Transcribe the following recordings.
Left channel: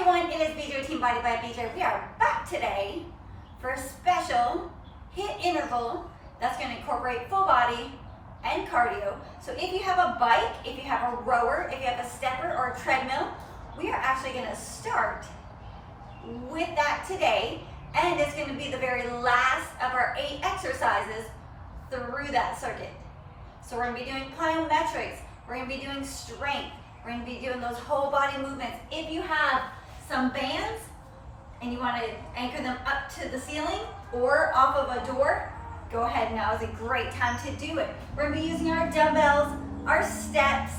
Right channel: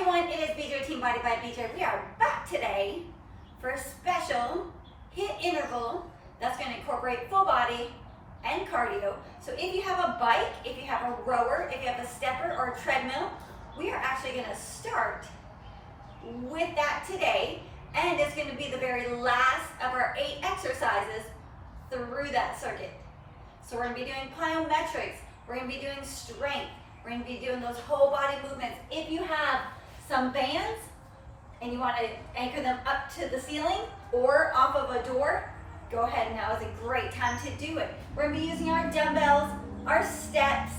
everyone, it is BJ Team Body by BJ. We are back today for a special HIIT interval that's going to incorporate full body and cardio. So if you have a bike, if you have a rower, if you have a stepper or a treadmill, we are actually going to start with that today, and it's going to be the very last of our 8 exercises through that circuit. So we're going to be doing plyometrics, we're going to be doing strength, we're going to be doing those whole body movements. If you have some bands and you want to anchor them up to the ceiling or off of a door, go ahead, now is a great time to do it. We're going to be using our dumbbells, our steps.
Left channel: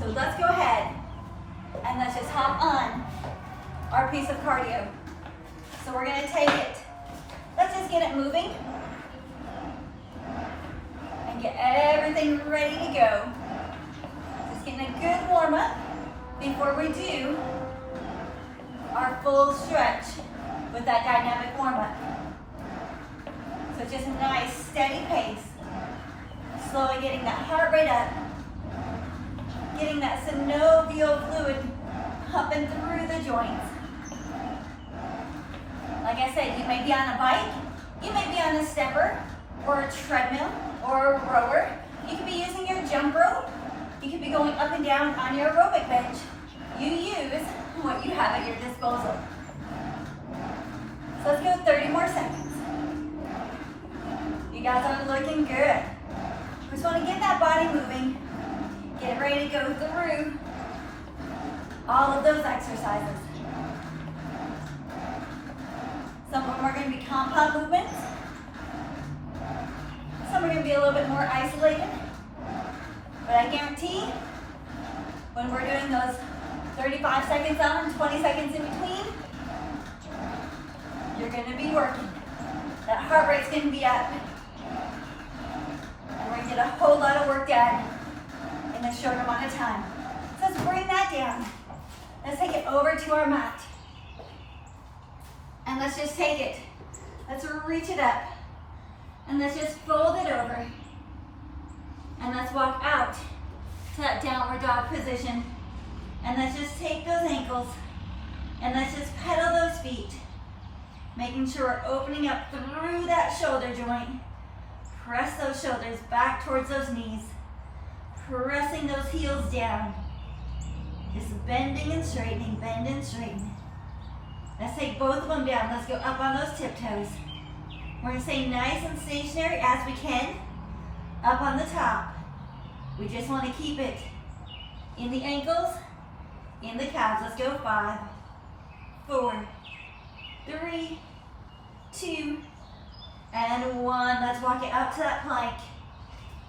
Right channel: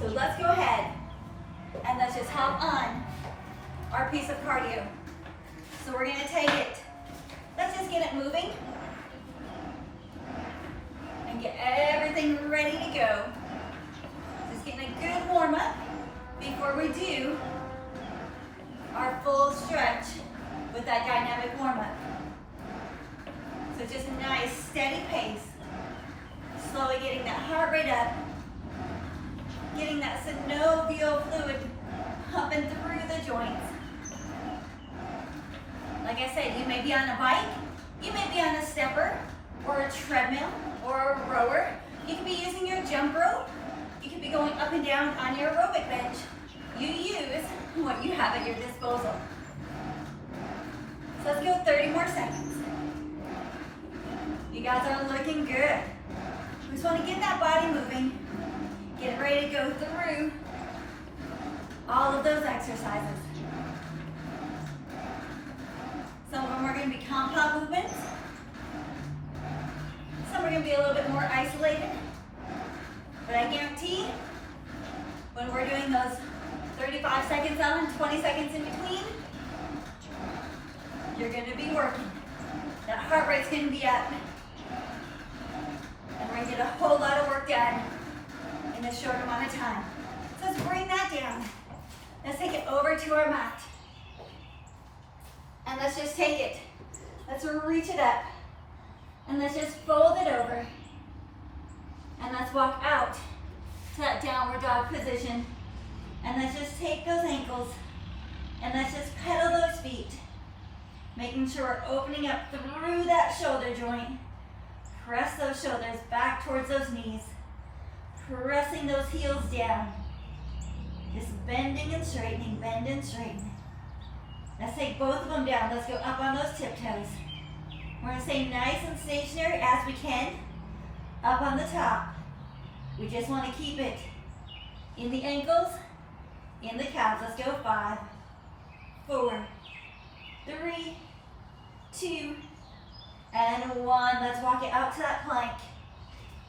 So let's go ahead and let's just hop on our piece of cardio. So we're going to take it, let's just get it moving and get everything ready to go. Just getting a good warm up before we do our full stretch with that dynamic warm up. So just a nice steady pace, slowly getting that heart rate up, getting that synovial fluid pumping through the joints. Like I said, you may be on a bike, you may be on a stepper or a treadmill or a rower. You could be using your jump rope. You could be going up and down on your aerobic bench. You use what you have at your disposal. So let's go 30 more seconds. You guys are looking good. We just want to get that body moving, get ready to go through all of those exercises. Some of them are going to be compound movements. Some are going to be a little bit more isolated. But I guarantee when we're doing those 35 seconds on and 20 seconds in between, you're going to be working. That heart rate's going to be up. And we're going to get a whole lot of work done in a short amount of time. So let's bring that down. Let's take it over to our mat. And let's just take it. Let's reach it up. And let's just fold it over. And let's walk out to that downward dog position. And let's just take those ankles and let's just pedal those feet, making sure we're opening up through that shoulder joint. Press those shoulders back towards those knees, pressing those heels down. Just bending and straightening, bend and straighten. Let's take both of them down. Let's go up on those tiptoes. We're going to stay nice and stationary as we can. Up on the top. We just want to keep it in the ankles, in the calves. Let's go 5, 4, 3, 2, and 1. Let's walk it out to that plank.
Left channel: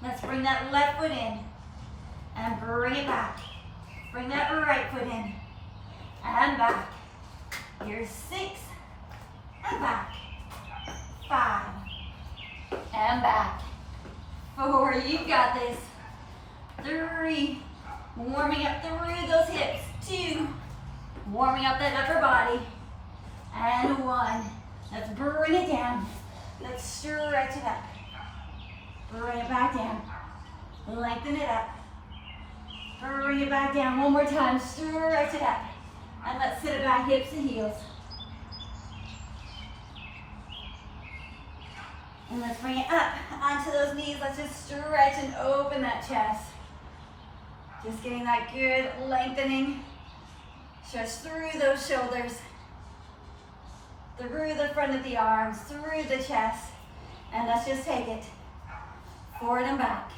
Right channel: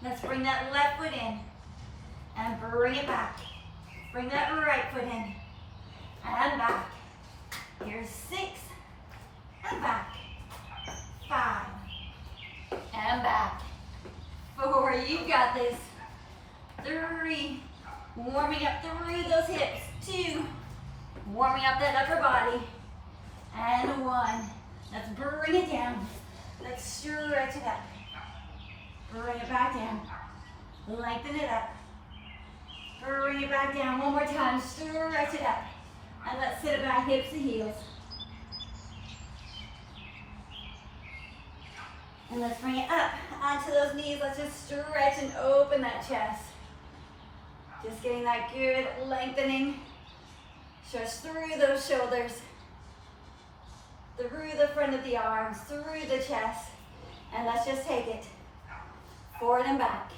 Let's bring that left foot in and bring it back. Bring that right foot in and back. Here's 6 and back. 5 and back. 4, you got this. 3, warming up through those hips. 2, warming up that upper body. And 1, let's bring it down. Let's stretch it up. Bring it back down. Lengthen it up. Bring it back down one more time. Stretch it up. And let's sit it back, hips to heels. And let's bring it up onto those knees. Let's just stretch and open that chest. Just getting that good lengthening. Stretch through those shoulders, through the front of the arms, through the chest. And let's just take it forward and back.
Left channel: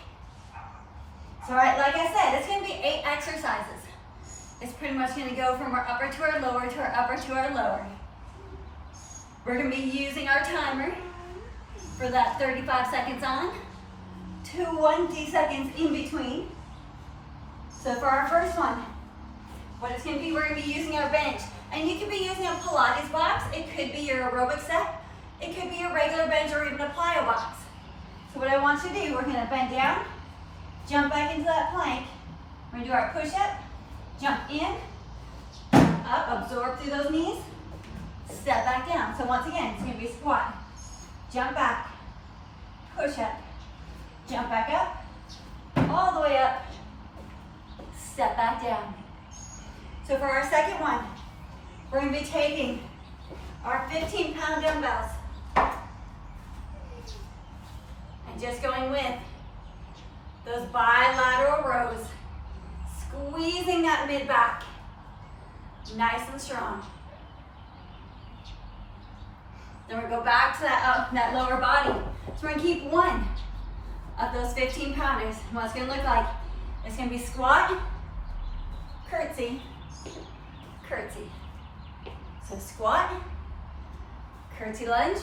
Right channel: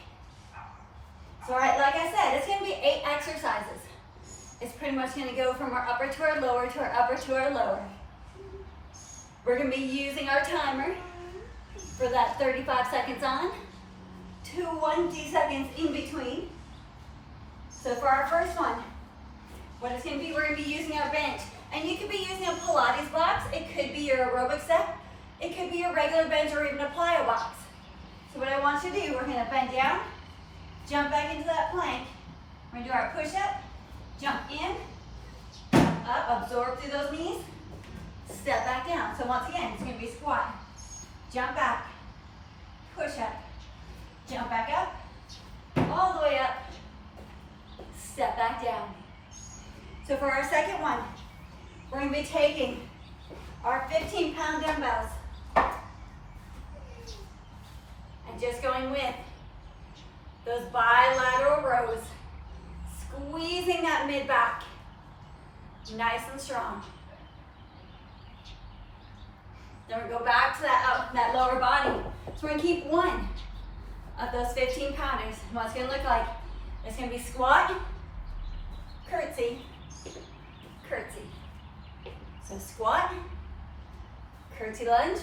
So, all right, like I said, it's going to be 8 exercises. It's pretty much going to go from our upper to our lower to our upper to our lower. We're going to be using our timer for that 35 seconds on, 20 seconds in between. So for our first one, what it's going to be, we're going to be using our bench. And you could be using a Pilates box, it could be your aerobic step, it could be your regular bench or even a plyo box. So what I want you to do, we're going to bend down, jump back into that plank. We're going to do our push-up, jump in, up, absorb through those knees, step back down. So once again, it's going to be a squat. Jump back, push up, jump back up, all the way up, step back down. So for our second one, we're going to be taking our 15-pound dumbbells and just going with those bilateral rows, squeezing that mid-back nice and strong. Then we go back to that lower body. So we're going to keep one of those 15-pounders. And what it's going to look like, it's going to be squat, curtsy, curtsy. So squat, curtsy lunge,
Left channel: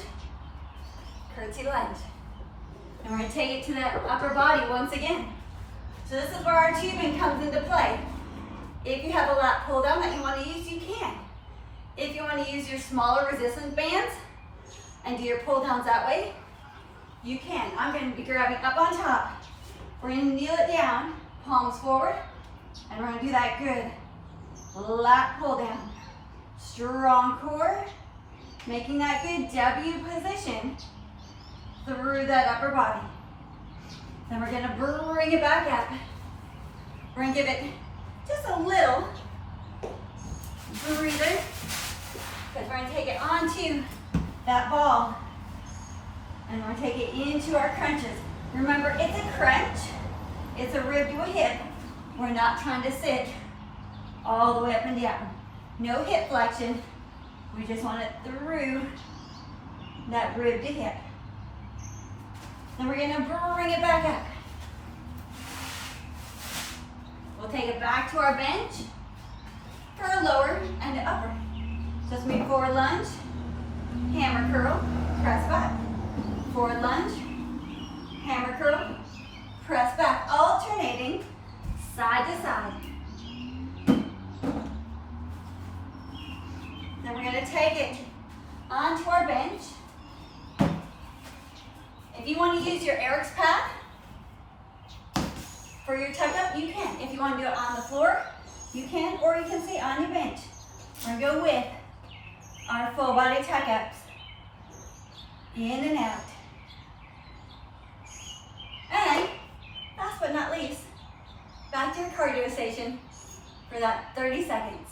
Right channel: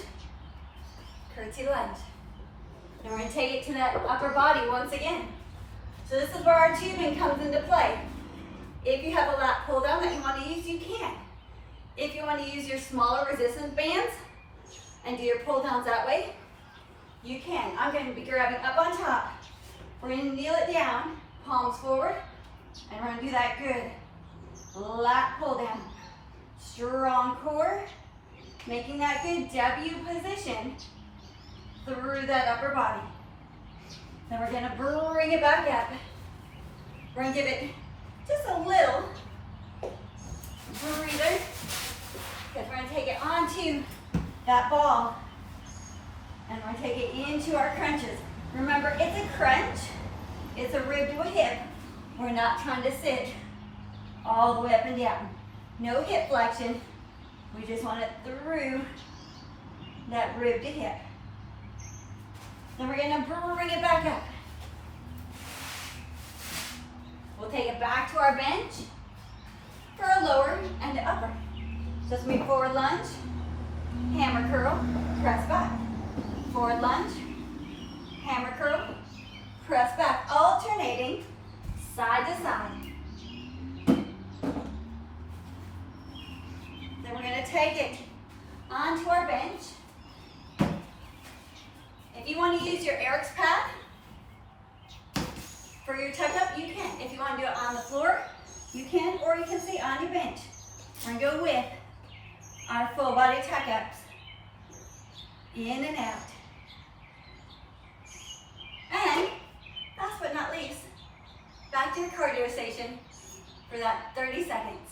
curtsy lunge. And we're going to take it to that upper body once again. So this is where our tubing comes into play. If you have a lat pull down that you want to use, you can. If you want to use your smaller resistance bands and do your pull downs that way, you can. I'm going to be grabbing up on top. We're going to kneel it down, palms forward, and we're going to do that good lat pull down. Strong core, making that good W position through that upper body. Then we're going to bring it back up. We're going to give it just a little breather, because we're going to take it onto that ball and we're going to take it into our crunches. Remember, it's a crunch, it's a rib to a hip. We're not trying to sit all the way up and down. No hip flexion, we just want it through that rib to hip. Then we're going to bring it back up. We'll take it back to our bench for a lower and upper. Just move forward lunge, hammer curl, press back. Forward lunge, hammer curl, press back. Alternating side to side. Then we're going to take it onto our bench. If you want to use your Eric's pad for your tuck up, you can. If you want to do it on the floor, you can, or you can stay on your bench. We're going to go with our full body tuck ups. In and out. And last but not least, back to your cardio station for that 30 seconds.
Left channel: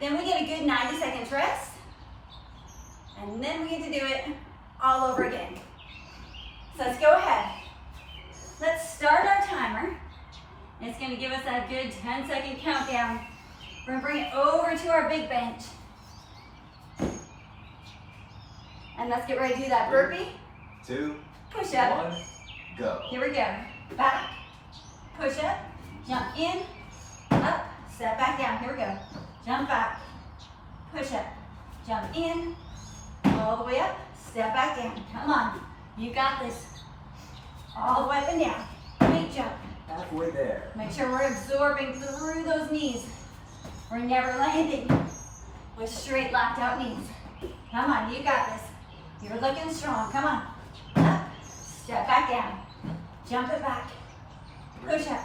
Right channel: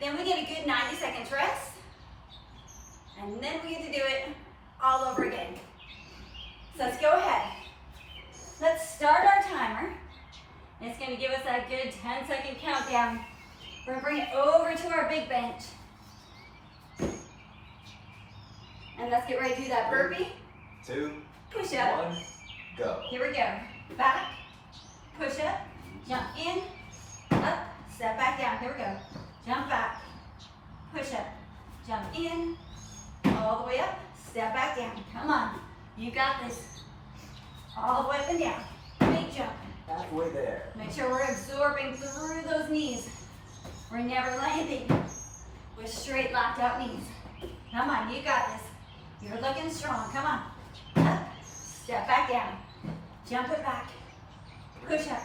Then we get a good 90 seconds rest. And then we get to do it all over again. So let's go ahead. Let's start our timer. And it's going to give us that good 10-second countdown. We're going to bring it over to our big bench. And let's get ready to do that burpee. 2, push up. 1, go. Here we go. Back, push up, jump in, up, step back down. Here we go. Jump back, push up, jump in, all the way up, step back down. Come on, you got this. All the way up and down. Feet jump. Halfway there. Make sure we're absorbing through those knees. We're never landing with straight locked out knees. Come on, you got this. You're looking strong. Come on. Up, step back down. Jump it back. Push up.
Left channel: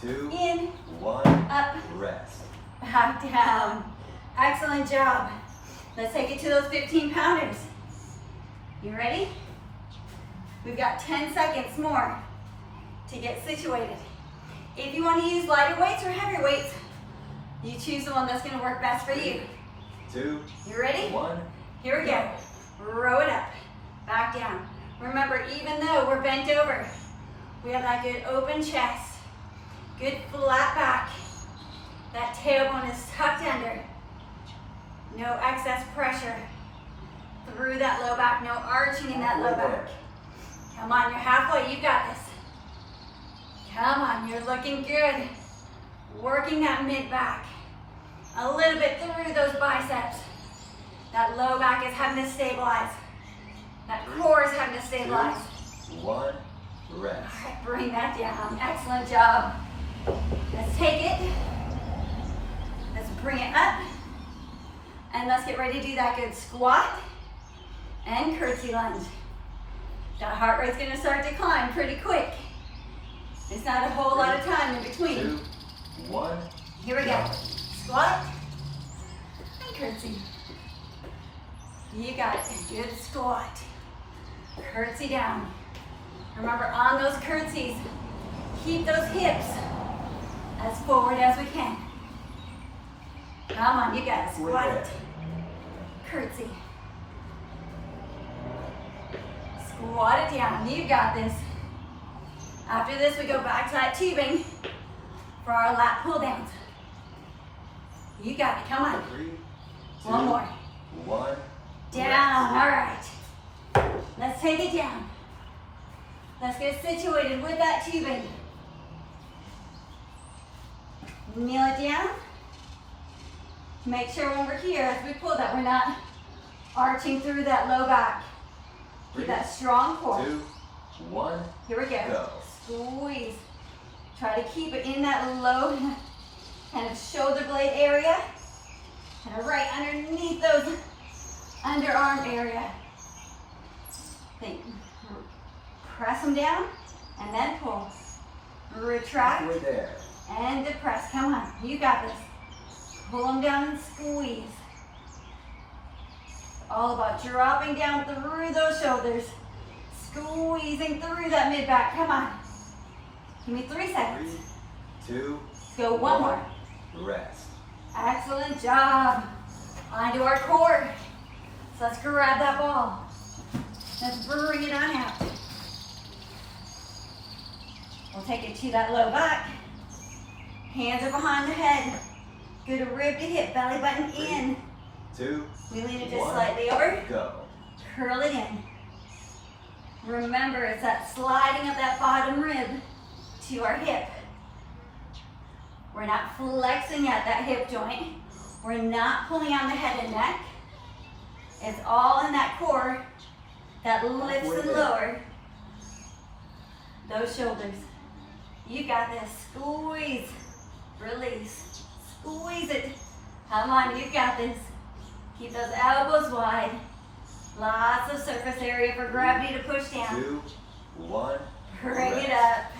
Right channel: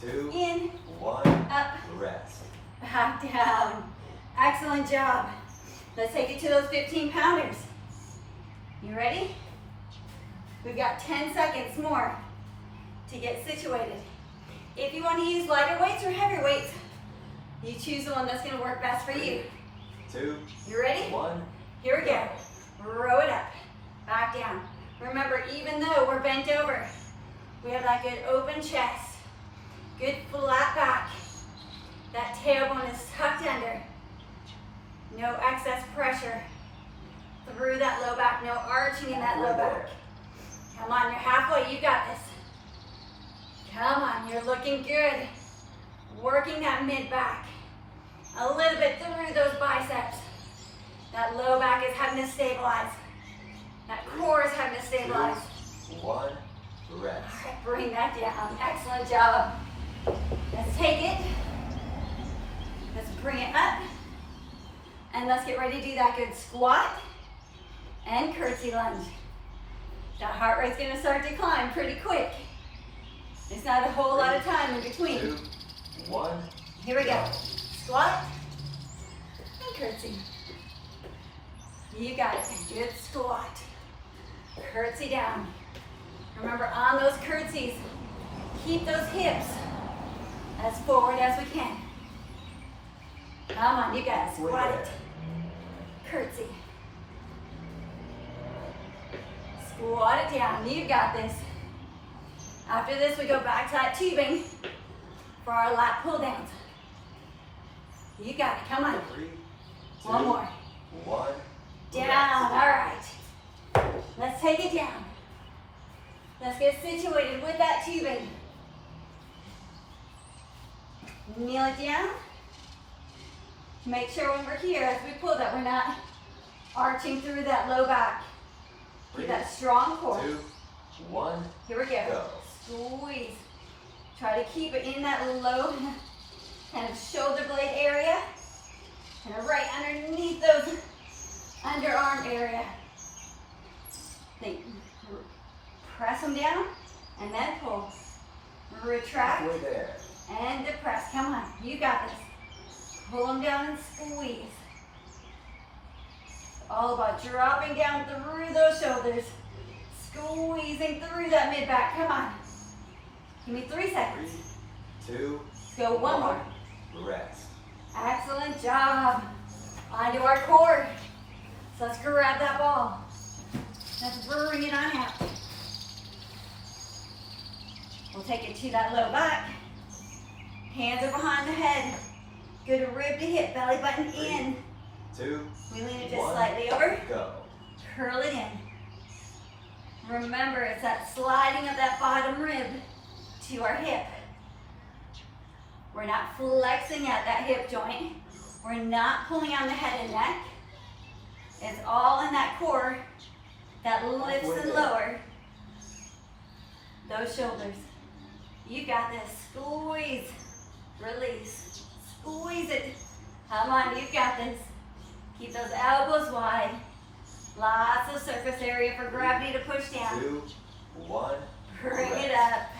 2, In, 1, up, rest. back down. Excellent job. Let's take it to those 15-pounders. You ready? We've got 10 seconds more to get situated. If you want to use lighter weights or heavier weights, you choose the one that's going to work best for you. 2, You ready? 1. Here we go. Row it up, back down. Remember, even though we're bent over, we have that good open chest, good flat back. That tailbone is tucked under. No excess pressure through that low back, no arching in that low back. Come on, you're halfway, you got this. Come on, you're looking good. Working that mid back. A little bit through those biceps. That low back is having to stabilize. That core is having to stabilize. 2, 1, rest. All right, bring that down. Excellent job. Let's take it. Let's bring it up. And let's get ready to do that good squat and curtsy lunge. That heart rate's gonna start to climb pretty quick. It's not a whole lot of time in between. 2, 1. Here we go. Squat and curtsy. You got it. Good squat. Curtsy down. Remember, on those curtsies, keep those hips as forward as we can. Come on, you guys. Squat it. curtsy. Squat it down, you got this. After this, we go back to that tubing for our lat pull downs. You got it, come on. 3, 2, One more. 1. Down, all right. Let's take it down. Let's get situated with that tubing. Kneel it down. Make sure when we're here, as we pull that, we're not arching through that low back. Keep that strong core. 2, 1. Here we go. Go. Squeeze. Try to keep it in that low kind of shoulder blade area. And right underneath those underarm area. Think. Press them down and then pull. Retract Halfway there. and depress. Come on, you got this. Pull them down and squeeze. All about dropping down through those shoulders. Squeezing through that mid back. Come on. Give me 3 seconds. 3, 2, Let's go one more. Rest. Excellent job. Onto our core. So let's grab that ball. Let's bring it on out. We'll take it to that low back. Hands are behind the head. Good rib to hip, belly button 3, in. 2, We lean it just 1, slightly over. Go. Curl it in. Remember, it's that sliding of that bottom rib to our hip. We're not flexing at that hip joint. We're not pulling on the head and neck. It's all in that core that lifts and lower those shoulders. You got this. Squeeze. Release. Squeeze it. Come on, you got this. Keep those elbows wide. Lots of surface area for gravity to push down. 2, 1. Bring Rest. it up.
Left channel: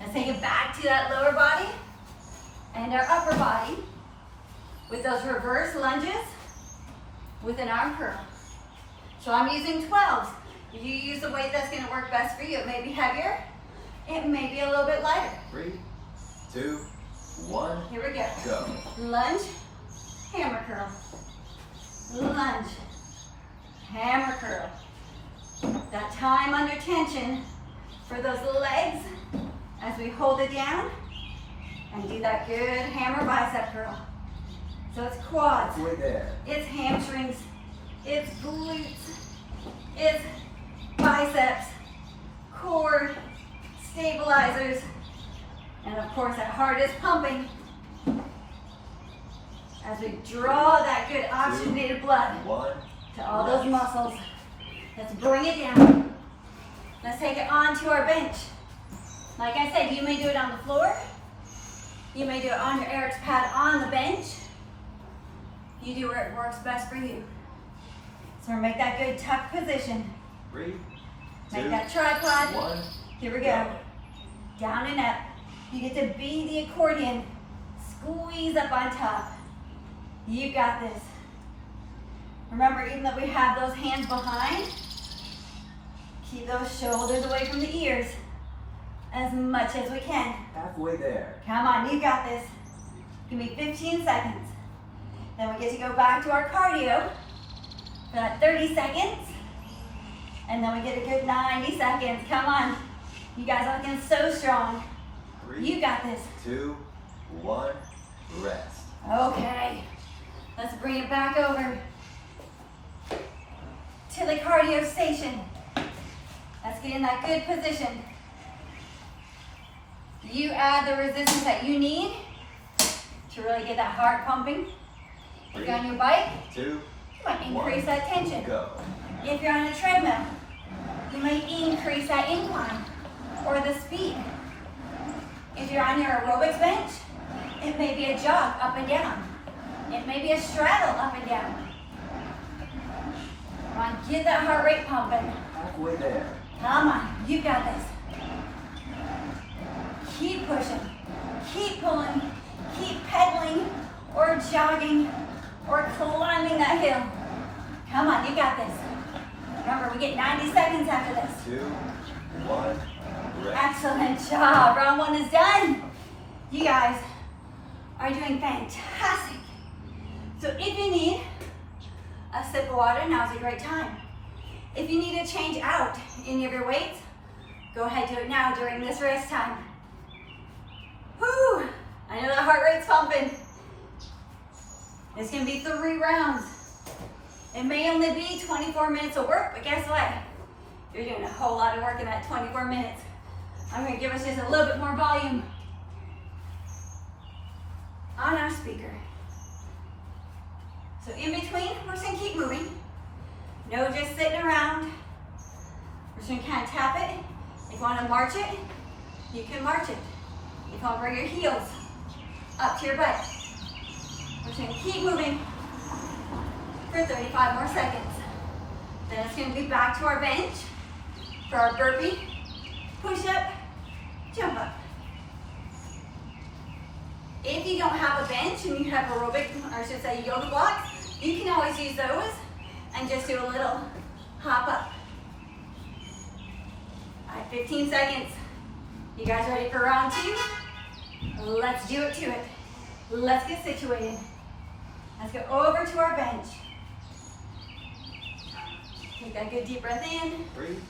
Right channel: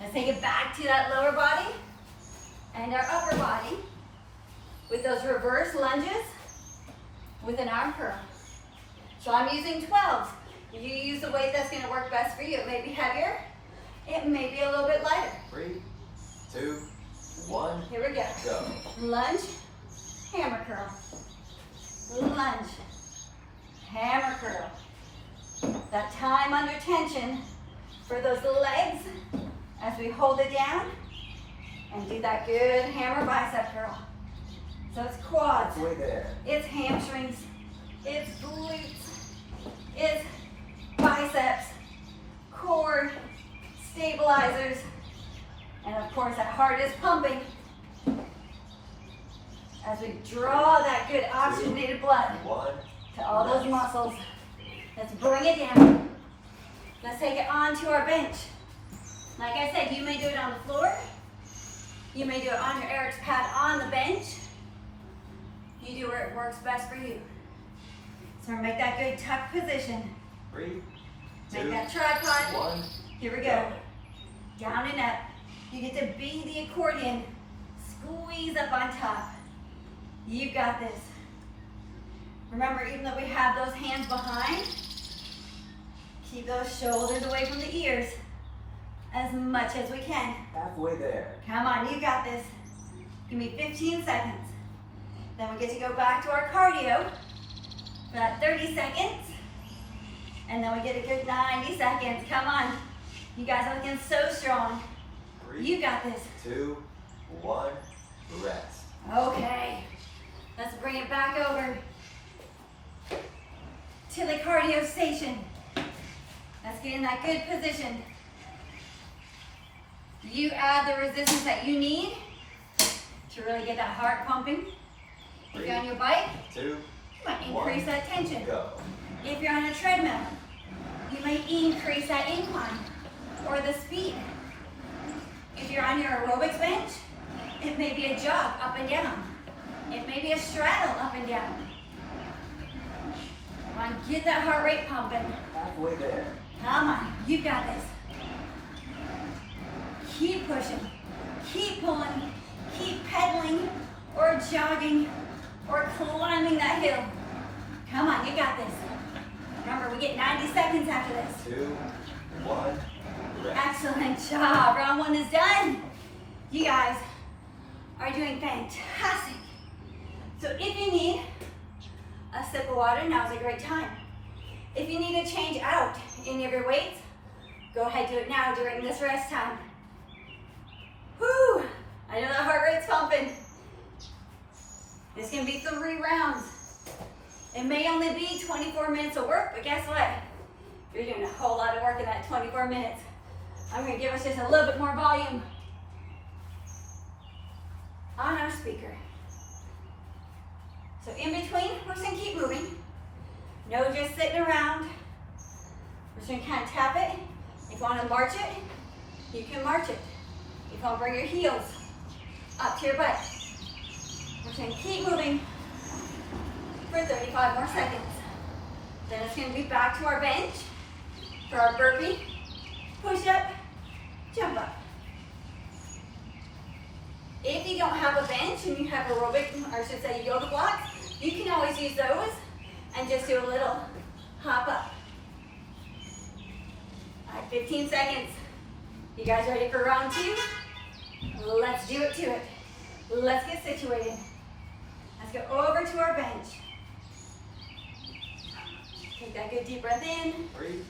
Let's take it back to that lower body and our upper body with those reverse lunges with an arm curl. So I'm using 12s. You use the weight that's going to work best for you. It may be heavier. It may be a little bit lighter. 3, 2, 1. Here we go. Go. Lunge, hammer curl. Lunge, hammer curl. That time under tension for those legs as we hold it down and do that good hammer bicep curl. So it's quads, Halfway there. it's hamstrings, it's glutes, it's biceps, core, stabilizers, and of course that heart is pumping as we draw that good oxygenated blood 1. to all those muscles. Let's bring it down. Let's take it onto our bench. Like I said, you may do it on the floor. You may do it on your Eric's pad on the bench. You do where it works best for you. So make that good tuck position. 3, 2, Make that tripod. 1. Here we go. Down and up. You get to be the accordion. Squeeze up on top. You got this. Remember, even though we have those hands behind, keep those shoulders away from the ears as much as we can. Halfway there. Come on, you got this. Give me 15 seconds. Then we get to go back to our cardio for that 30 seconds. And then we get a good 90 seconds. Come on. You guys are looking so strong. 3, You got this. 2, 1. Rest. Okay. Let's bring it back over to the cardio station. Let's get in that good position. You add the resistance that you need to really get that heart pumping. If you're on your bike, 2, you might 1. increase that tension. Go. If you're on a treadmill, you might increase that incline or the speed. If you're on your aerobics bench, it may be a jog up and down. It may be a straddle up and down. Come on, get that heart rate pumping. Halfway there. Come on, you got this. Keep pushing, keep pulling, keep pedaling or jogging or climbing that hill. Come on, you got this. Remember, we get 90 seconds after this. 2, 1. Rest. Excellent job. Round 1 is done. You guys are doing fantastic. So if you need a sip of water, now's a great time. If you need to change out any of your weights, go ahead, do it now during this rest time. Whew, I know that heart rate's pumping. It's gonna be 3 rounds. It may only be 24 minutes of work, but guess what? You're doing a whole lot of work in that 24 minutes. I'm gonna give us just a little bit more volume on our speaker. So in between, we're just gonna keep moving. No just sitting around. We're just gonna kind of tap it. If you wanna march it, you can march it. If you wanna bring your heels up to your butt. We're just gonna keep moving for 35 more seconds. Then it's gonna be back to our bench for our burpee, push up, jump up. If you don't have a bench and you have aerobic, or I should say yoga blocks, you can always use those and just do a little hop up. All right, 15 seconds. You guys ready for round 2? Let's do it to it. Let's get situated. Let's go over to our bench. Take that good deep breath in. 3,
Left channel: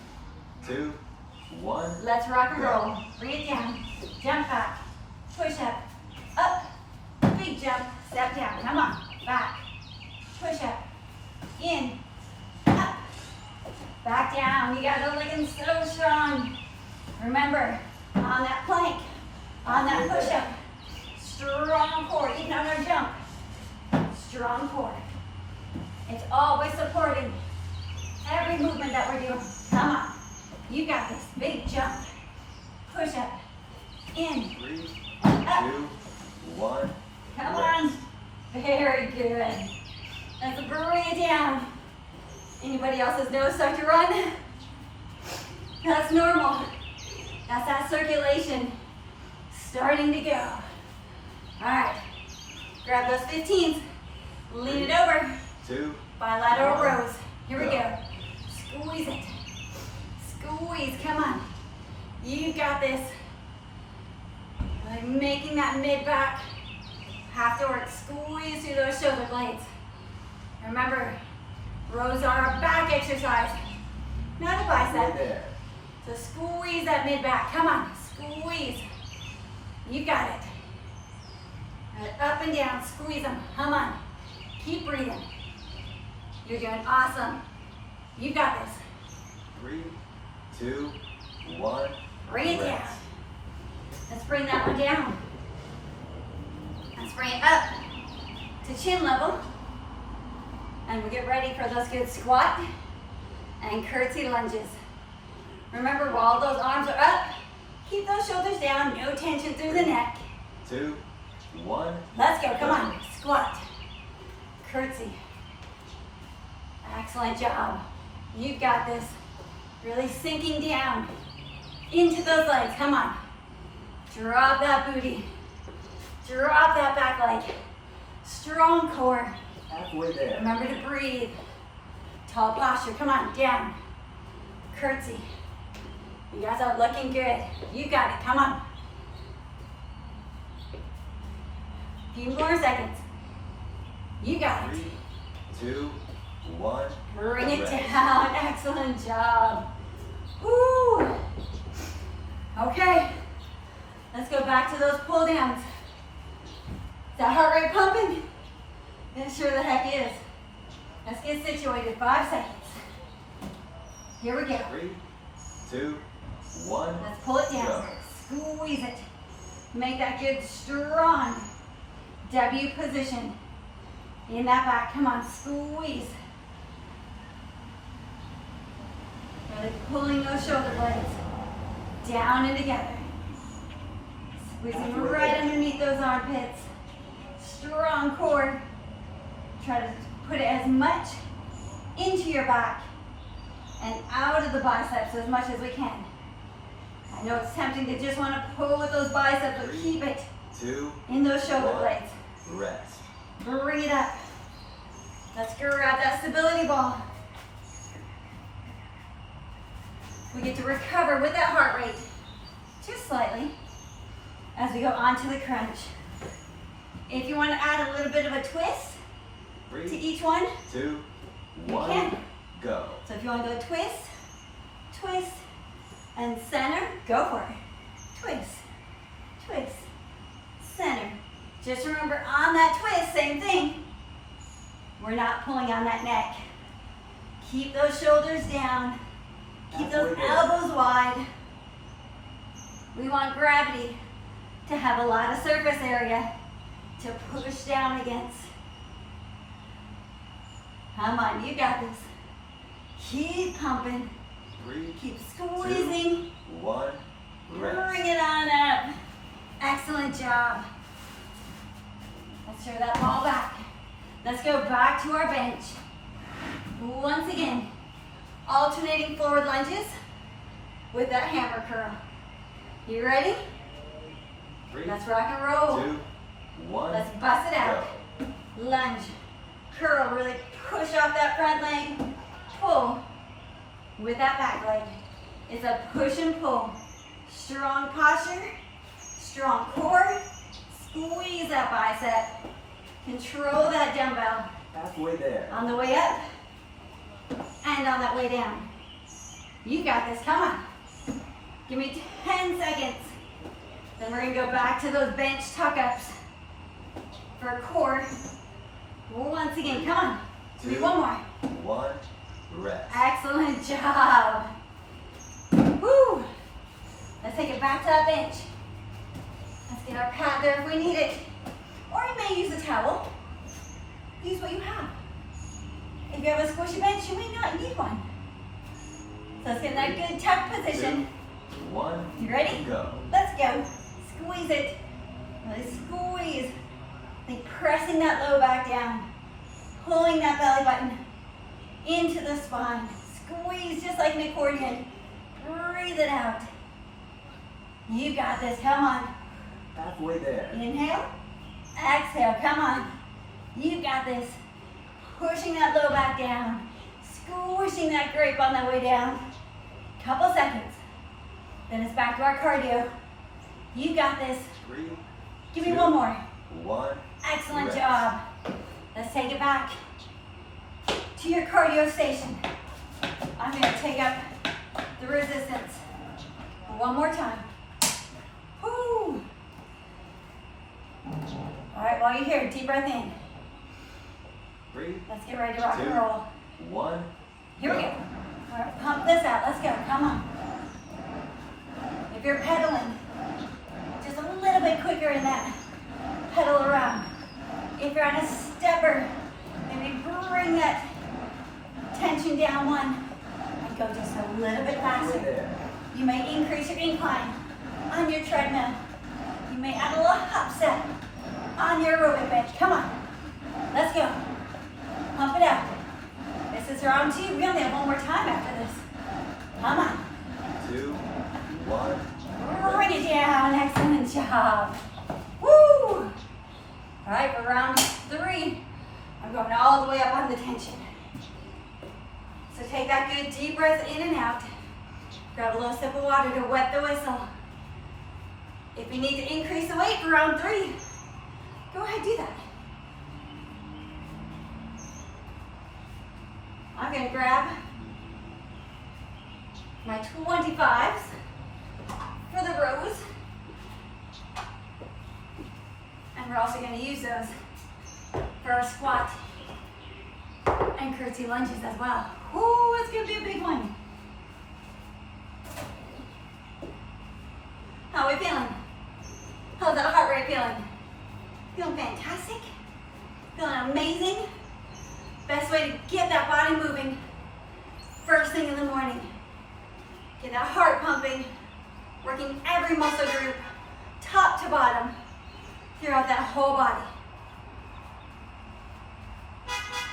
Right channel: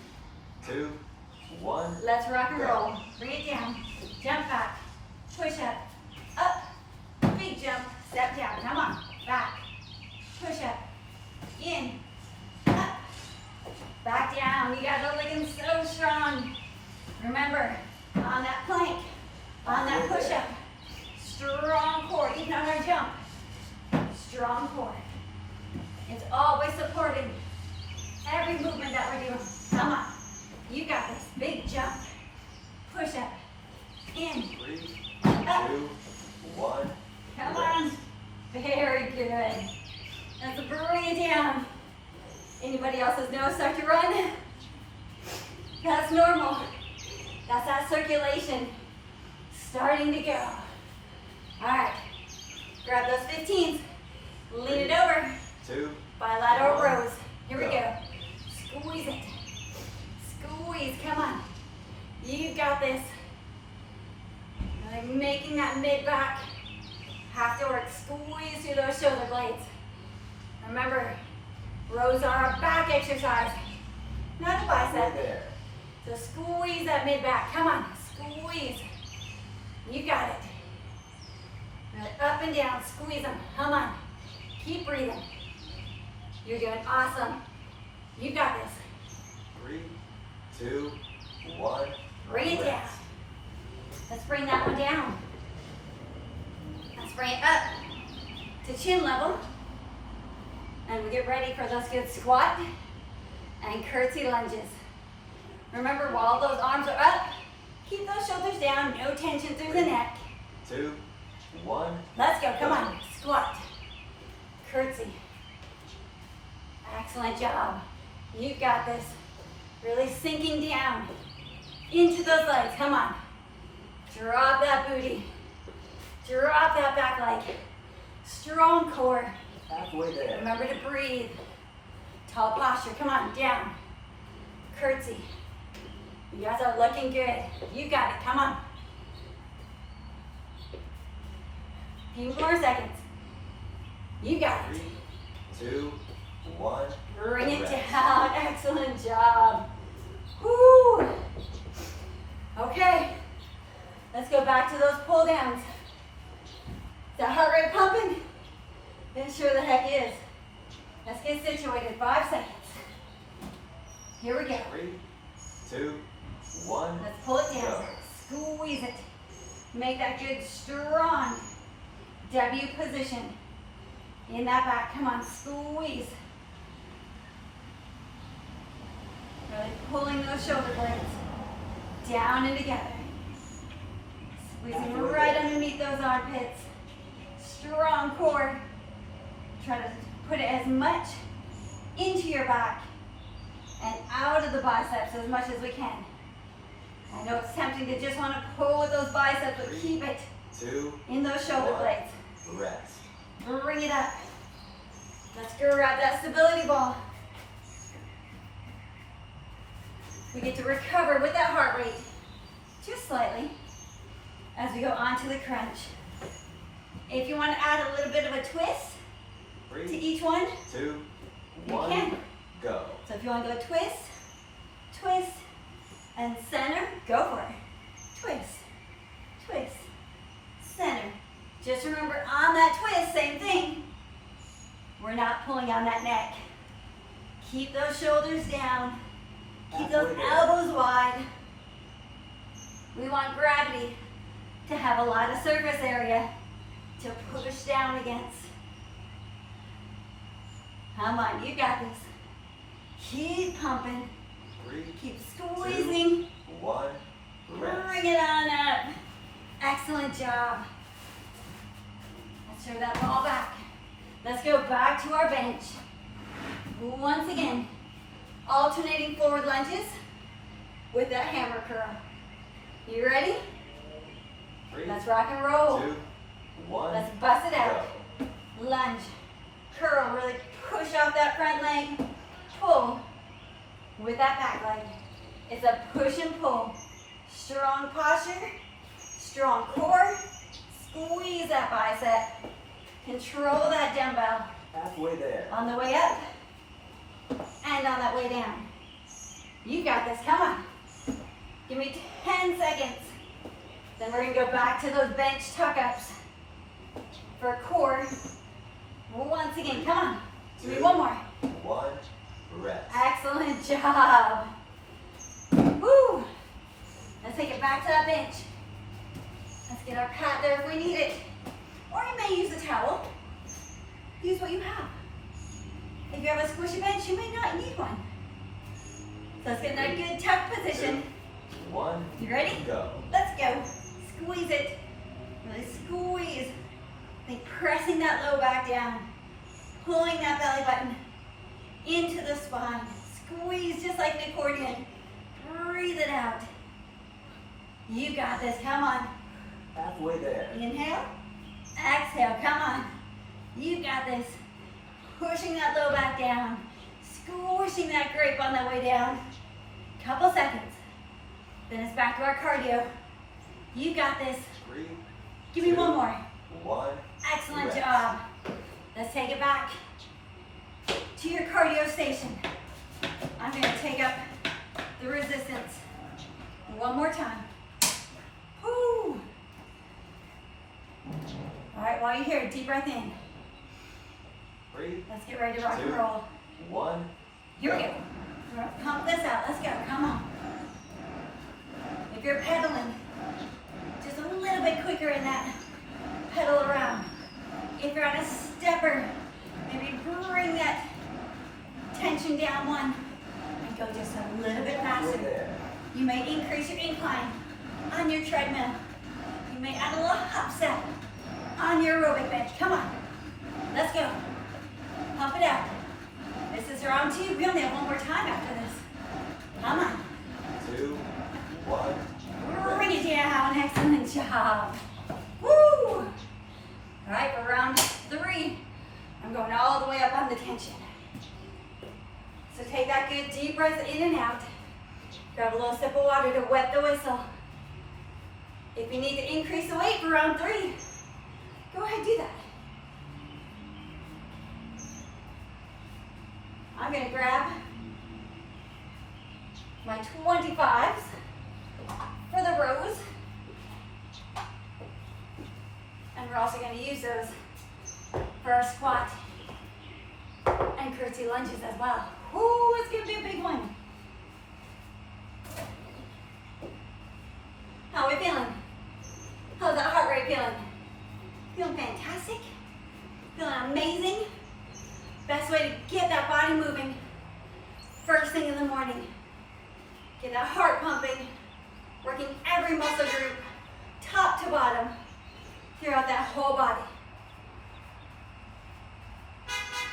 2, 1. Let's rock and roll. Bring it down. Jump back. Push up. Up. Big jump. Step down. Come on. Back. Push up. In. Up. Back down. You guys are looking so strong. Remember, on that plank, on that push up, strong core. Even on our jump, strong core. It's always supporting every movement that we're doing. Come on. You got this. Big jump. Push up. In. 3, Up. 2, 1. Come on. Very good. Let's bring it down. Anybody else's nose start to run? That's normal. That's that circulation starting to go. All right. Grab those 15s. Lean it over. 2. Bilateral 1. rows. Here we go. Squeeze it. Squeeze. Come on. You got this. Like making that mid-back have to work. Squeeze through those shoulder blades. Remember, rows are a back exercise, not a bicep. There. So squeeze that mid-back. Come on. Squeeze. You got it. Up and down. Squeeze them. Come on. Keep breathing. You're doing awesome. You got this. 3, 2, 1. Bring it down. Let's bring that one down. Let's bring it up to chin level. And we get ready for those good squat and curtsy lunges. Remember, while those arms are up, keep those shoulders down, no tension through the neck. 2, 1. Let's go, come on. Squat, curtsy. Excellent job. You got this. Really sinking down into those legs. Come on. Drop that booty. Drop that back leg. Strong core. Halfway there. Remember to breathe. Tall posture. Come on, down. Curtsy. You guys are looking good. You got it. Come on. Few more seconds. You got it. 3, 2, 1. Bring it Rest. down. Excellent job. Woo. Okay. Let's go back to those pull downs. Is that heart rate pumping? It sure the heck is. Let's get situated. 5 seconds. Here we go. 3, 2, 1. Let's pull it down. Squeeze it. Make that good strong W position in that back. Come on, squeeze. Really pulling those shoulder blades down and together. Squeezing right underneath those armpits. Strong core. Try to put it as much into your back and out of the biceps as much as we can. I know it's tempting to just want to pull with those biceps, but keep it 2, in those shoulder 1. blades. Rest. Bring it up. Let's grab that stability ball. We get to recover with that heart rate just slightly as we go on to the crunch. If you want to add a little bit of a twist to 3, each one, 2, one, can. go. So if you want to go twist, twist, and center, go for it. Twist, twist, center. Just remember on that twist, same thing. We're not pulling on that neck. Keep those shoulders down. Keep those elbows wide. We want gravity to have a lot of surface area to push down against. Come on, you got this. Keep pumping. 3, Keep squeezing. 2, 1, rest. Bring it on up. Excellent job. Let's throw that ball back. Let's go back to our bench. Once again, alternating forward lunges with that hammer curl. You ready? 3, Let's rock and roll. 2, 1, Let's bust it out. go. Lunge, curl, really push off that front leg, pull with that back leg. It's a push and pull. Strong posture, strong core, squeeze that bicep, control that dumbbell. Halfway there. On the way up and on that way down. You got this, come on. Give me 10 seconds. Then we're gonna go back to those bench tuck-ups for core. Once again, come on. Do me 1 more. 1, rest. Excellent job. Woo. Let's take it back to that bench. Let's get our pad there if we need it. Or you may use a towel. Use what you have. If you have a squishy bench, you may not need one. So let's get in that good tuck position. 2, 1, You ready? go. Let's go. Squeeze it. Really squeeze. Like pressing that low back down. Pulling that belly button into the spine. Squeeze just like an accordion. Breathe it out. You got this. Come on. Halfway there. Inhale. Exhale. Come on. You got this. Pushing that low back down. Squishing that grape on that way down. Couple seconds. Then it's back to our cardio. You got this. 3, Give me 2, 1 more. 1, Excellent rest. job. Let's take it back to your cardio station. I'm going to take up the resistance. 1 more time. Woo. All right, while you're here, deep breath in. 3, Let's get ready to rock 2, and roll. 1, Here we go. We're gonna pump this out. Let's go. Come on. If you're pedaling, just a little bit quicker in that pedal around. If you're on a stepper, maybe bring that tension down 1 and go just a little bit halfway faster. there. You may increase your incline on your treadmill. You may add a little hop set on your aerobic bench. Come on. Let's go. Pump it out. This is round 2. We only have 1 more time after this. Come on. 2, 1, Bring it down. Excellent job. Woo! All right, for round 3, I'm going all the way up on the tension. So take that good deep breath in and out. Grab a little sip of water to wet the whistle. If you need to increase the weight for round 3, go ahead, do that. I'm going to grab my 25s for the rows. And we're also going to use those for our squat and curtsy lunges as well. Ooh, it's going to be a big one. How are we feeling? How's that heart rate feeling? Feeling fantastic? Feeling amazing? Best way to get that body moving first thing in the morning. Get that heart pumping, working every muscle group, top to bottom, throughout that whole body.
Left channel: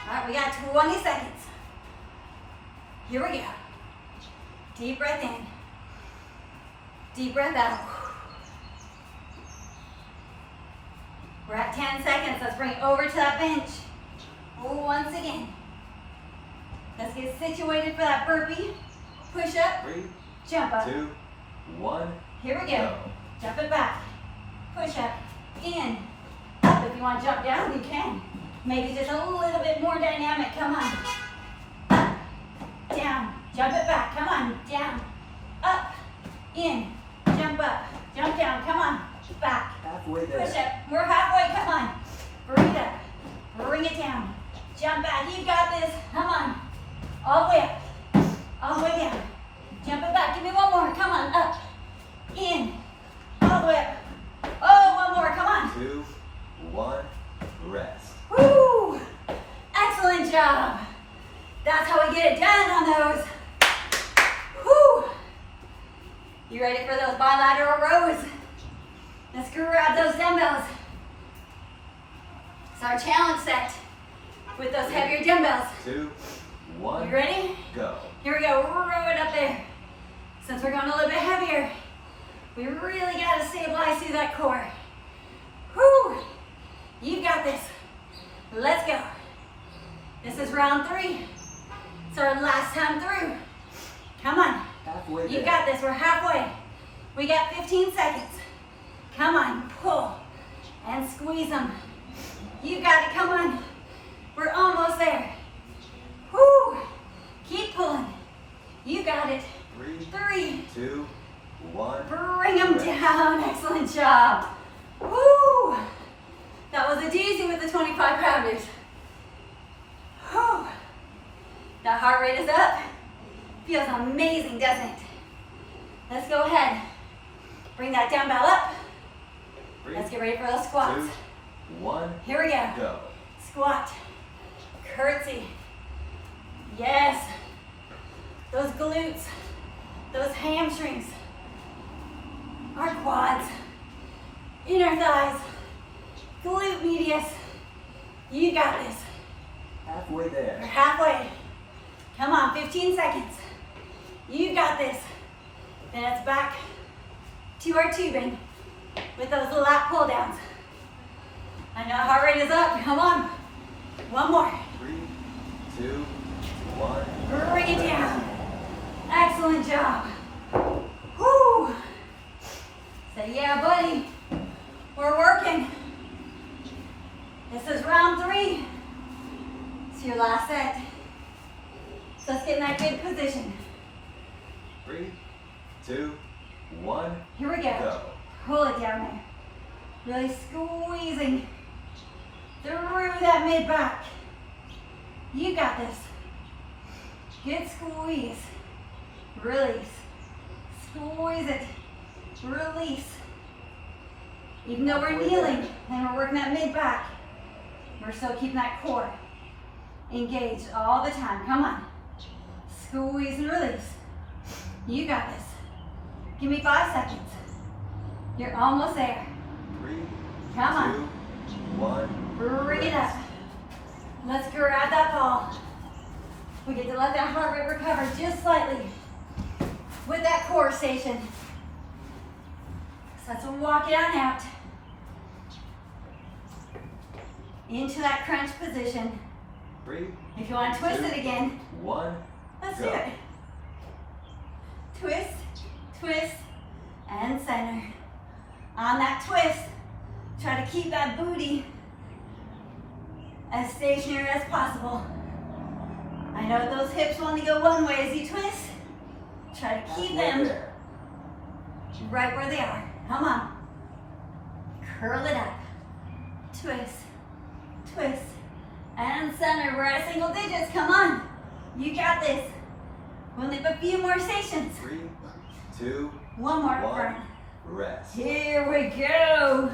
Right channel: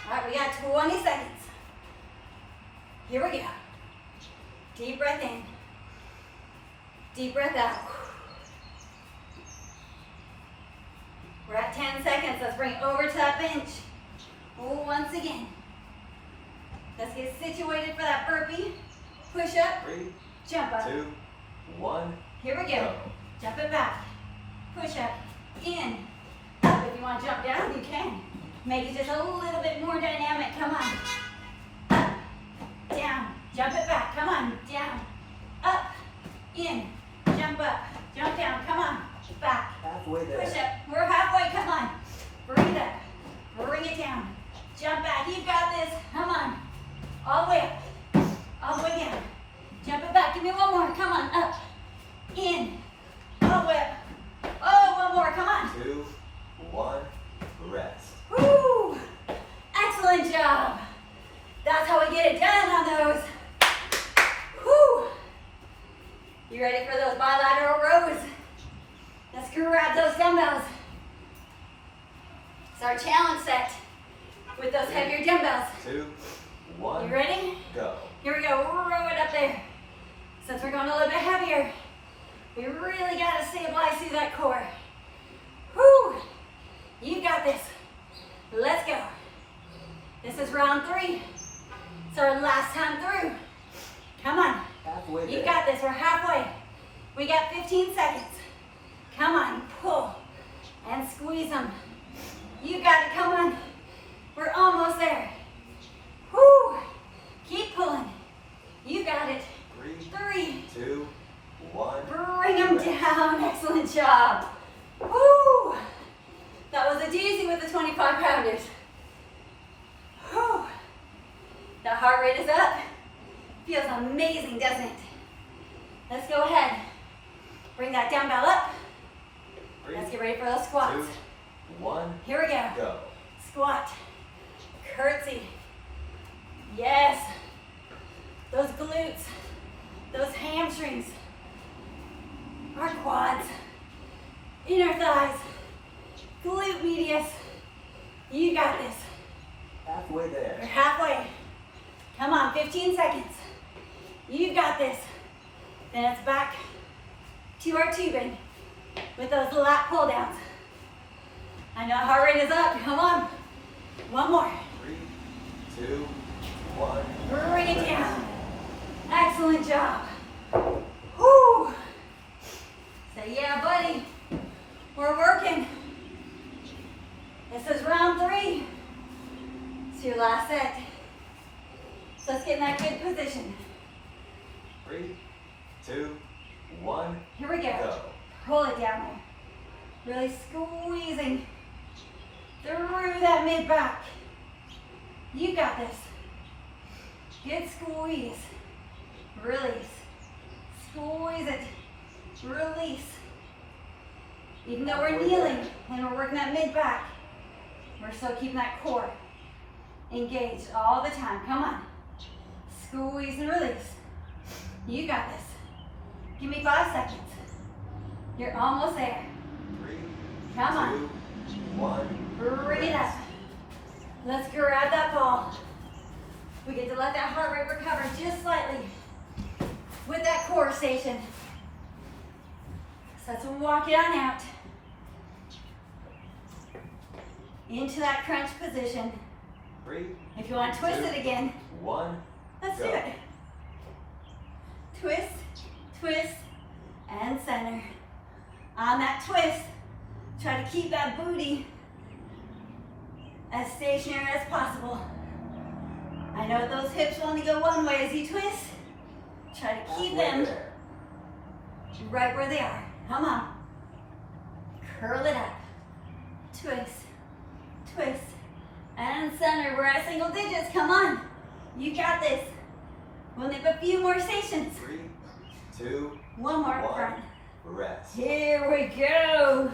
All right, we got 20 seconds. Here we go. Deep breath in. Deep breath out. We're at 10 seconds. Let's bring it over to that bench. Once again. Let's get situated for that burpee. Push up, 3, jump up. 2, 1, Here we go. go. Jump it back. Push up, in, up. If you want to jump down, you can. Maybe just a little bit more dynamic. Come on. Jump it back. Come on. Down. Up. In. Jump up. Jump down. Come on. Back. Halfway there. Push up. We're halfway. Come on. Bring it up. Bring it down. Jump back. You got this. Come on. All the way up. All the way down. Jump it back. Give me one more. Come on. Up. In. All the way up. Oh, one more. Come on. 2, 1, rest. Woo! Excellent job. That's how we get it done on those. Woo! You ready for those bilateral rows? Let's grab those dumbbells. It's our challenge set with those heavier dumbbells. 2, 1, You ready? go. Here we go. Row it up there. Since we're going a little bit heavier, we really got to stabilize through that core. Woo! You got this. Let's go. This is round 3. It's our last time through. Come on. Halfway You there. got this. We're halfway. We got 15 seconds. Come on. Pull and squeeze them. You got it. Come on. We're almost there. Woo! Keep pulling. You got it. 3. 2, 1. Bring them down. Excellent job. Woo! That was a doozy with the 25 pounders. Whew. The heart rate is up. Feels amazing, doesn't it? Let's go ahead. Bring that dumbbell up. 3, Let's get ready for those squats. 2, 1, Here we go. go. Squat. Curtsy. Yes. Those glutes. Those hamstrings. Our quads. Inner thighs. Glute medius. You got this. Halfway You're there. halfway. Come on, 15 seconds. You got this. Then it's back to our tubing with those lat pull downs. I know heart rate is up. Come on. One more. 3, 2, 1. Bring it down. Excellent job. Whoo. Say, yeah, buddy. We're working. This is round 3. It's your last set. So let's get in that good position. 3, 2, 1. Here we go. Go. Pull it down there. Really squeezing through that mid back. You got this. Good squeeze. Release. Squeeze it. Release. Even though we're kneeling and we're working that mid back, we're still keeping that core engaged all the time. Come on. Squeeze and release. You got this. Give me 5 seconds. You're almost there. 3, Come 2, on. 1. Bring it up. Let's grab that ball. We get to let that heart rate recover just slightly with that core station. So let's walk it on out into that crunch position. 3, If you want to twist it again, 1. let's Go. do it. Twist, twist, and center. On that twist, try to keep that booty as stationary as possible. I know those hips only go one way as you twist. Try to keep Halfway them there. right where they are. Come on. Curl it up. Twist, twist, and center. We're at single digits. Come on. You got this. We'll leave a few more stations. 3, 2, One more 1. front. Rest. Here we go.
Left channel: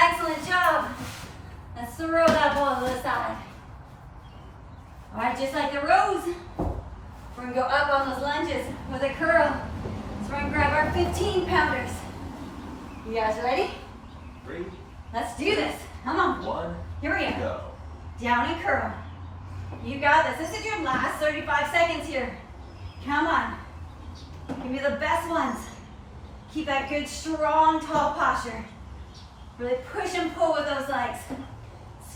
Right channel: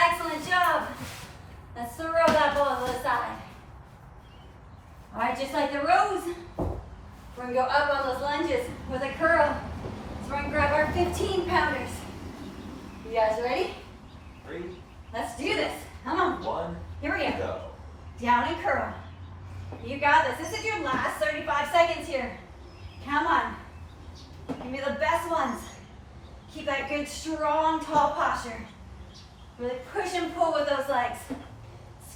Excellent job. Let's throw that ball to the side. All right, just like the rows, we're gonna go up on those lunges with a curl. So we're gonna grab our 15 pounders. You guys ready? 3, Let's do this. Come on. 1. Here we go. Go. Down and curl. You got this. This is your last 35 seconds here. Come on. Give me the best ones. Keep that good, strong, tall posture. Really push and pull with those legs.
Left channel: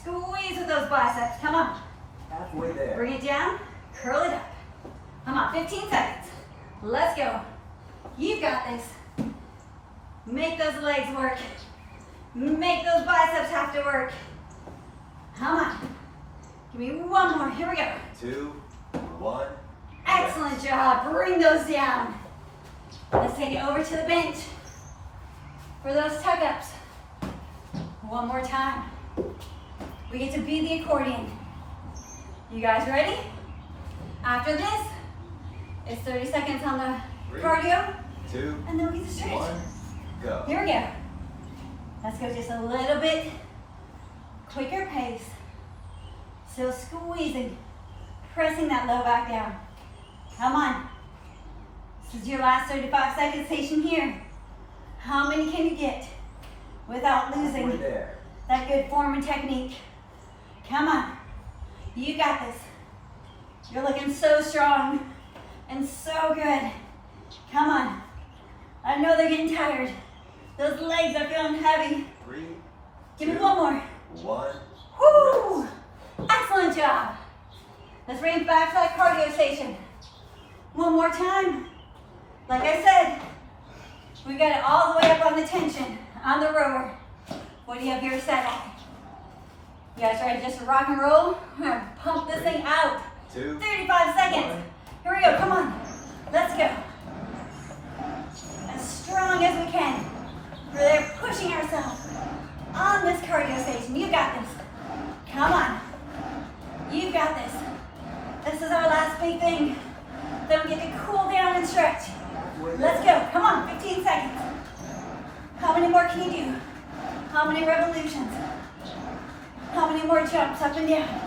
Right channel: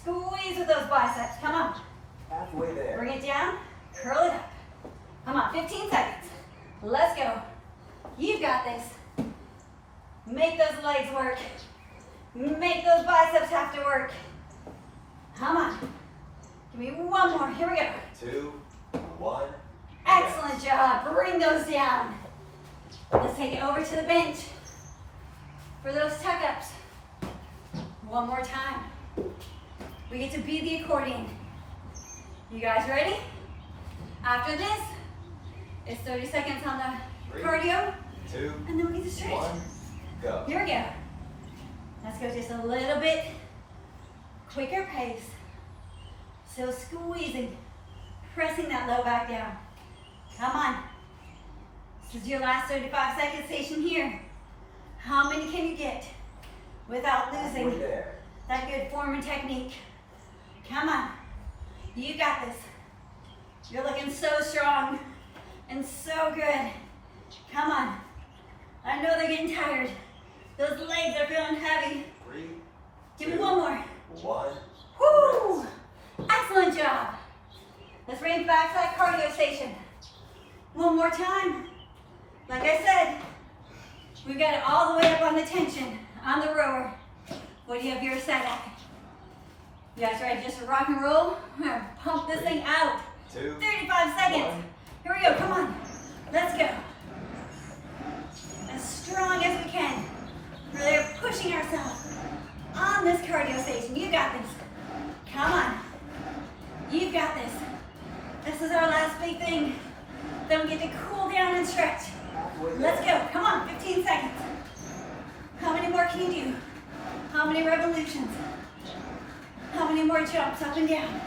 Squeeze with those biceps. Come on. Halfway there. Bring it down. Curl it up. Come on. 15 seconds. Let's go. You got this. Make those legs work. Make those biceps have to work. Come on. Give me one more. Here we go. 2, 1. Excellent. Excellent job. Bring those down. Let's take it over to the bench for those tuck-ups. One more time. We get to be the accordion. You guys ready? After this, it's 30 seconds on the 3, cardio, 2, and then we get to stretch. 1, go. Here we go. Let's go just a little bit quicker pace. So squeezing, pressing that low back down. Come on. This is your last 35 second station here. How many can you get without losing Halfway there. that good form and technique? Come on. You got this. You're looking so strong and so good. Come on. I know they're getting tired. Those legs are feeling heavy. 3, Give me 2, one more. 1. Woo! Excellent job. Let's bring it back to that cardio station. One more time. Like I said, we got it all the way up on the tension, on the rower. What do you have here set at? You guys ready just to rock and roll? We're gonna pump this thing out. 2, 35 seconds. 1. Here we go, come on. Let's go. As strong as we can. We're there pushing ourselves on this cardio station. You got this. Come on. You got this. This is our last big thing. Then we get to cool down and stretch. Halfway Let's there. go. Come on, 15 seconds. How many more can you do? How many revolutions? How many more jumps up and down?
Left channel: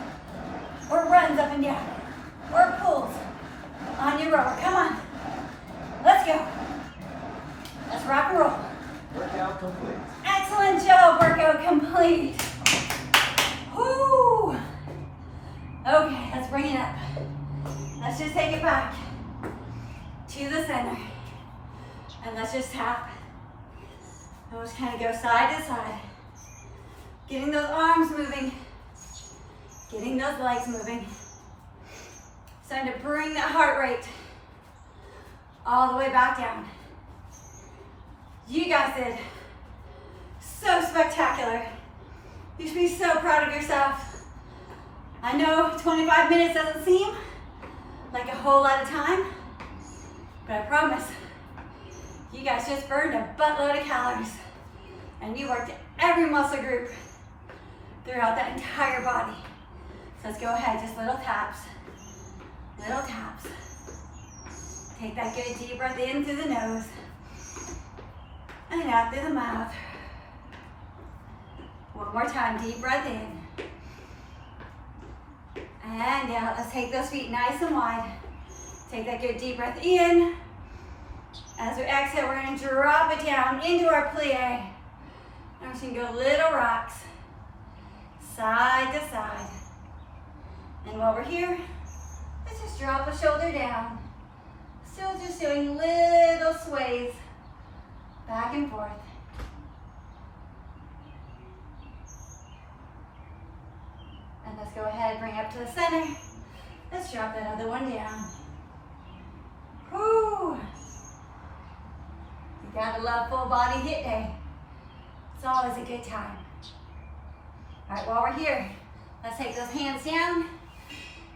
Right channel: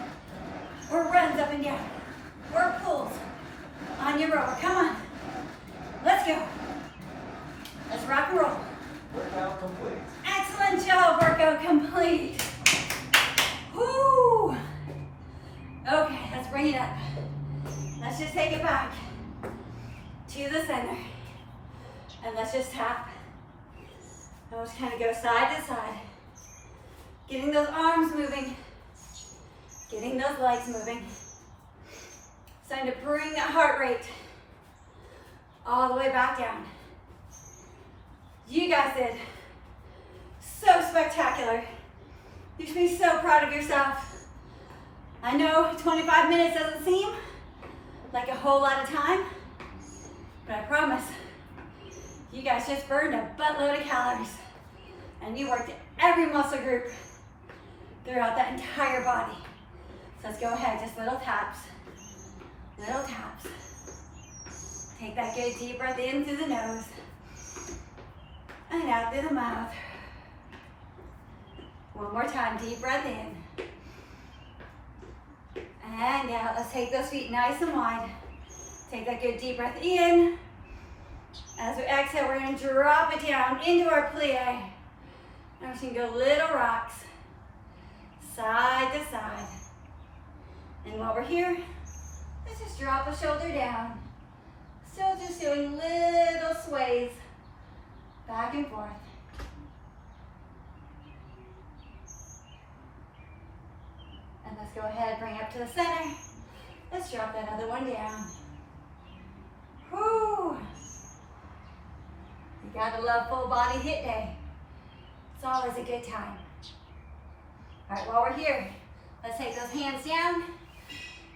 Or runs up and down? Or pulls on your rower? Come on. Let's go. Let's rock and roll. Workout complete. Excellent job, workout complete. Woo! Okay, let's bring it up. Let's just take it back to the center. And let's just tap. And we'll just kind of go side to side. Getting those arms moving. Getting those legs moving. Starting to bring that heart rate all the way back down. You guys did so spectacular. You should be so proud of yourself. I know 25 minutes doesn't seem like a whole lot of time, but I promise you guys just burned a buttload of calories and you worked every muscle group throughout that entire body. So let's go ahead, just little taps, little taps. Take that good deep breath in through the nose and out through the mouth. One more time, deep breath in. And out, let's take those feet nice and wide. Take that good deep breath in. As we exhale, we're gonna drop it down into our plie. And we're just gonna go little rocks, side to side. And while we're here, let's just drop a shoulder down. Still just doing little sways back and forth. And let's go ahead, bring it up to the center. Let's drop that other one down. Whoo! You gotta love full body HIIT day. It's always a good time. All right, while we're here, let's take those hands down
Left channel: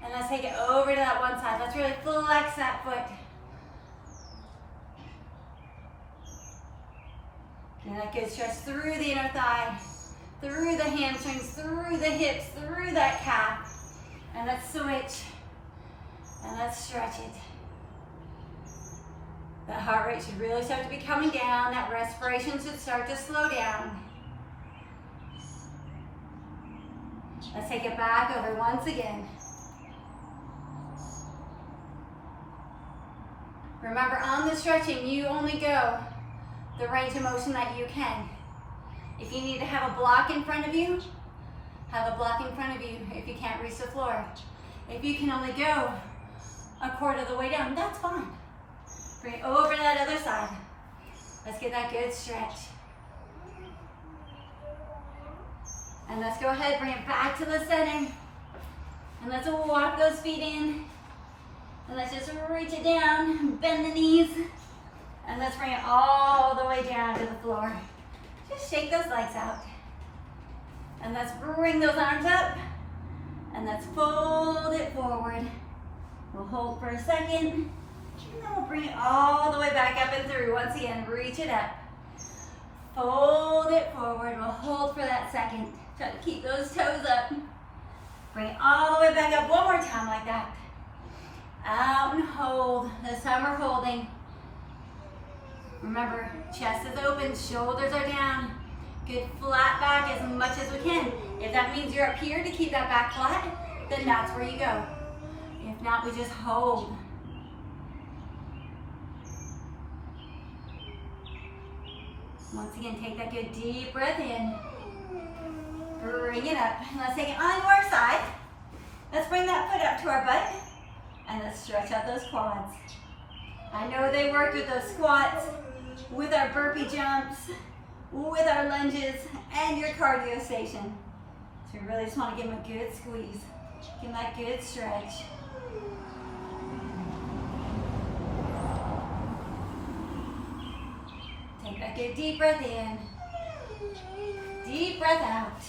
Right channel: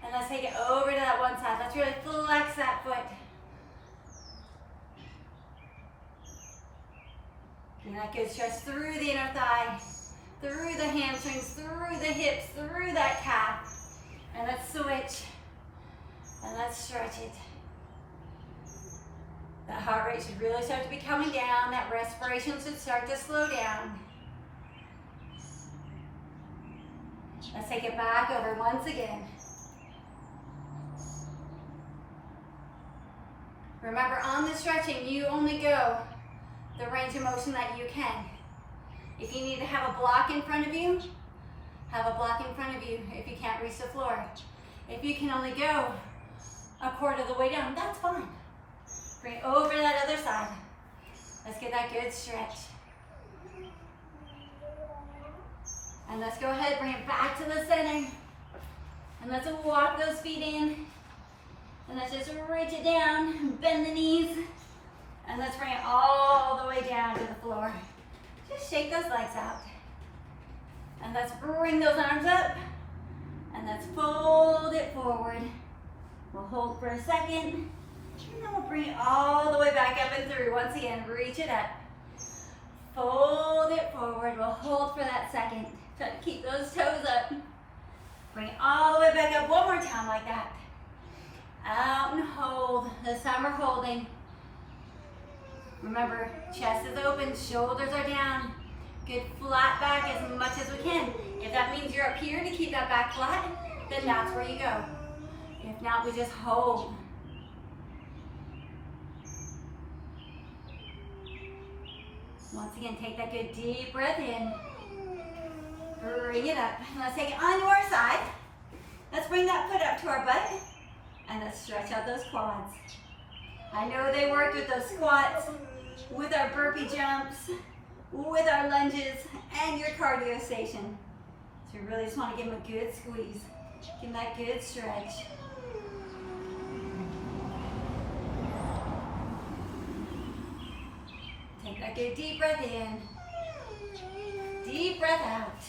and let's take it over to that one side. Let's really flex that foot. Get that good stretch through the inner thigh, through the hamstrings, through the hips, through that calf. And let's switch and let's stretch it. That heart rate should really start to be coming down. That respiration should start to slow down. Let's take it back over once again. Remember, on the stretching, you only go the range of motion that you can. If you need to have a block in front of you, have a block in front of you if you can't reach the floor. If you can only go a quarter of the way down, that's fine. Bring it over to that other side. Let's get that good stretch. And let's go ahead, bring it back to the center. And let's walk those feet in. And let's just reach it down, bend the knees. And let's bring it all the way down to the floor. Just shake those legs out. And let's bring those arms up. And let's fold it forward. We'll hold for a second, and then we'll bring it all the way back up and through. Once again, reach it up. Fold it forward. We'll hold for that second. Try to keep those toes up. Bring it all the way back up one more time like that. Out and hold. This time we're holding. Remember, chest is open, shoulders are down. Good flat back as much as we can. If that means you're up here to keep that back flat, then that's where you go. If not, we just hold. Once again, take that good deep breath in. Bring it up. Let's take it onto our side. Let's bring that foot up to our butt. And let's stretch out those quads. I know they worked with those squats, with our burpee jumps, with our lunges, and your cardio station. So you really just want to give them a good squeeze. Give them that good stretch. Take that good deep breath in. Deep breath out.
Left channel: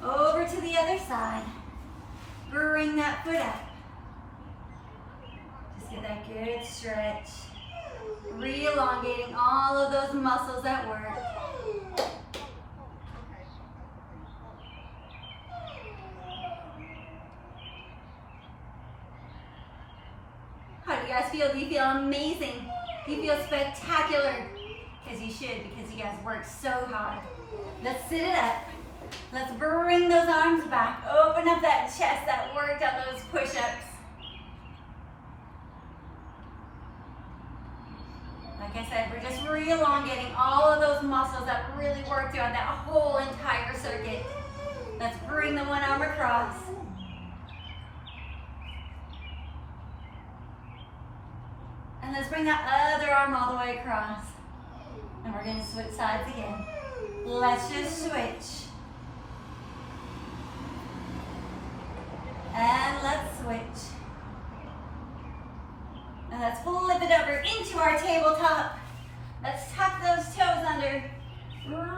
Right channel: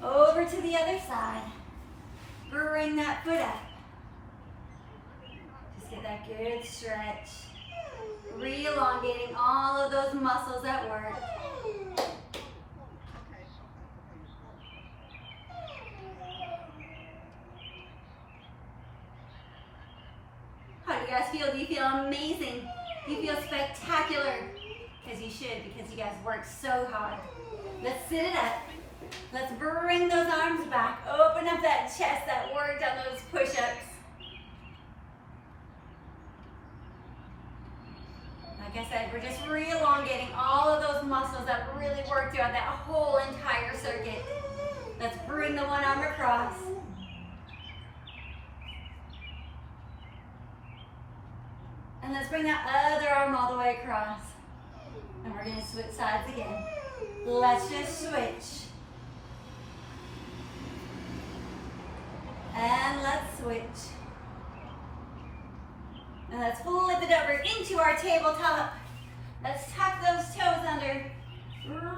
Over to the other side. Bring that foot up. Just get that good stretch. Re-elongating all of those muscles at work. How do you guys feel? Do you feel amazing? Do you feel spectacular? Because you should, because you guys worked so hard. Let's sit it up. Let's bring those arms back. Open up that chest that worked on those push-ups. Like I said, we're just re-elongating all of those muscles that really work throughout that whole entire circuit. Let's bring the one arm across. And let's bring that other arm all the way across. And we're going to switch sides again. Let's just switch. And let's switch. And let's flip it over into our tabletop. Let's tuck those toes under.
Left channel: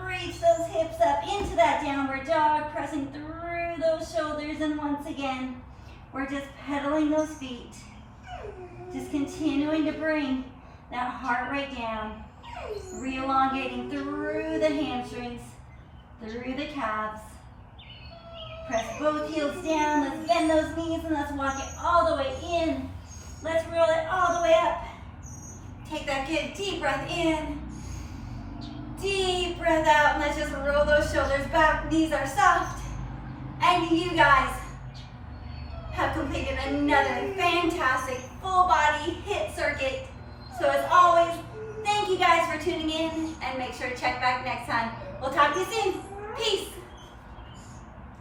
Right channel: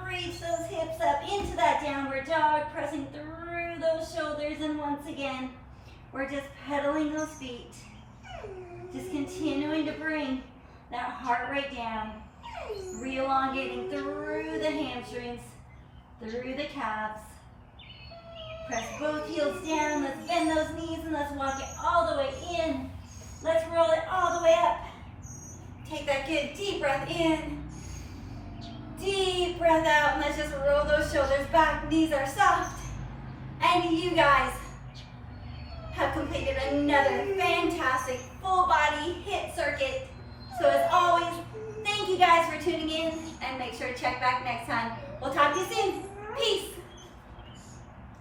Reach those hips up into that downward dog, pressing through those shoulders. And once again, we're just pedaling those feet. Just continuing to bring that heart rate down. Re-elongating through the hamstrings, through the calves. Press both heels down. Let's bend those knees and let's walk it all the way in. Let's roll it all the way up. Take that good deep breath in. Deep breath out. And let's just roll those shoulders back. Knees are soft. And you guys have completed another fantastic full body HIIT circuit. So as always, thank you guys for tuning in and make sure to check back next time. We'll talk to you soon.